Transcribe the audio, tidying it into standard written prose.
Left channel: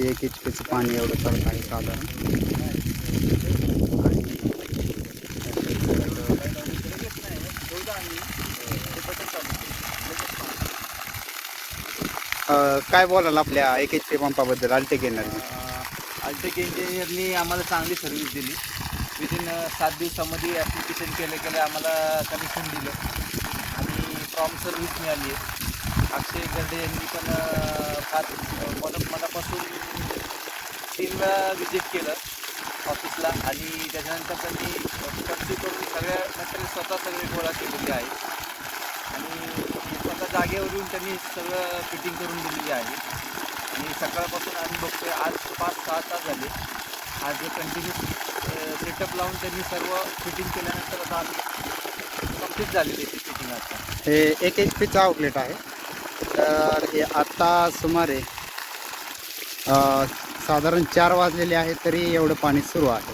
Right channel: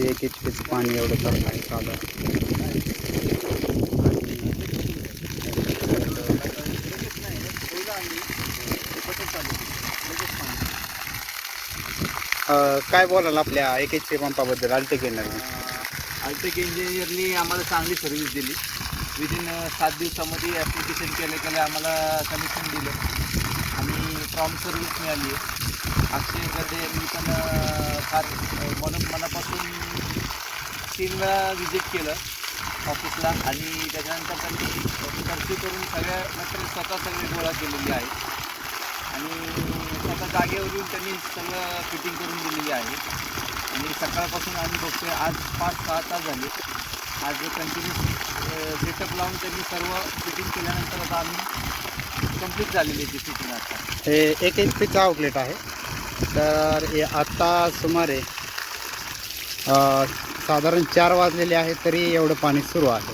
वर्षी 1 HP पाणी एवढं चालत आहे साधारण. काय बोलाल आपल्या 1 HP पंपाबद्दल अल्टेक एनर्जी? अल्टेक इंजिनियरनी आम्हाला चांगली सर्व्हिस दिली. विदिन 7 दिवसामध्ये ॲप्लिकेशन केलं आम्हाला कनेक्शन दिलं आणि प्रॉम्प्ट सर्व्हिस मिळाली आहे. अक्षय गडे यांनी पण फार मनापासून 3 वेळा विजिट केलं ऑफिसला आणि त्याच्यानंतर त्यांनी चर्चा करून नंतर स्वतः सगळे गोळा केलेली आहे आणि स्वतः जागेवरून त्यांनी सगळं फिटिंग करून दिलेली आहे. आणि सकाळपासून आम्ही बघतोय आज 5-6 तास झाले. आज कंटिन्यू सेटअप लावून त्यांनी सर्व फिटिंग केल्यानंतर आता आम्ही कंप्लीट झालेली आहे फिटिंग. आता हे 1 HP आउटलेट आहे. तर हे आत्ता सुमारे साधारण 4 वाजलेले आहे तरी एवढं पाणी सुरू आहे.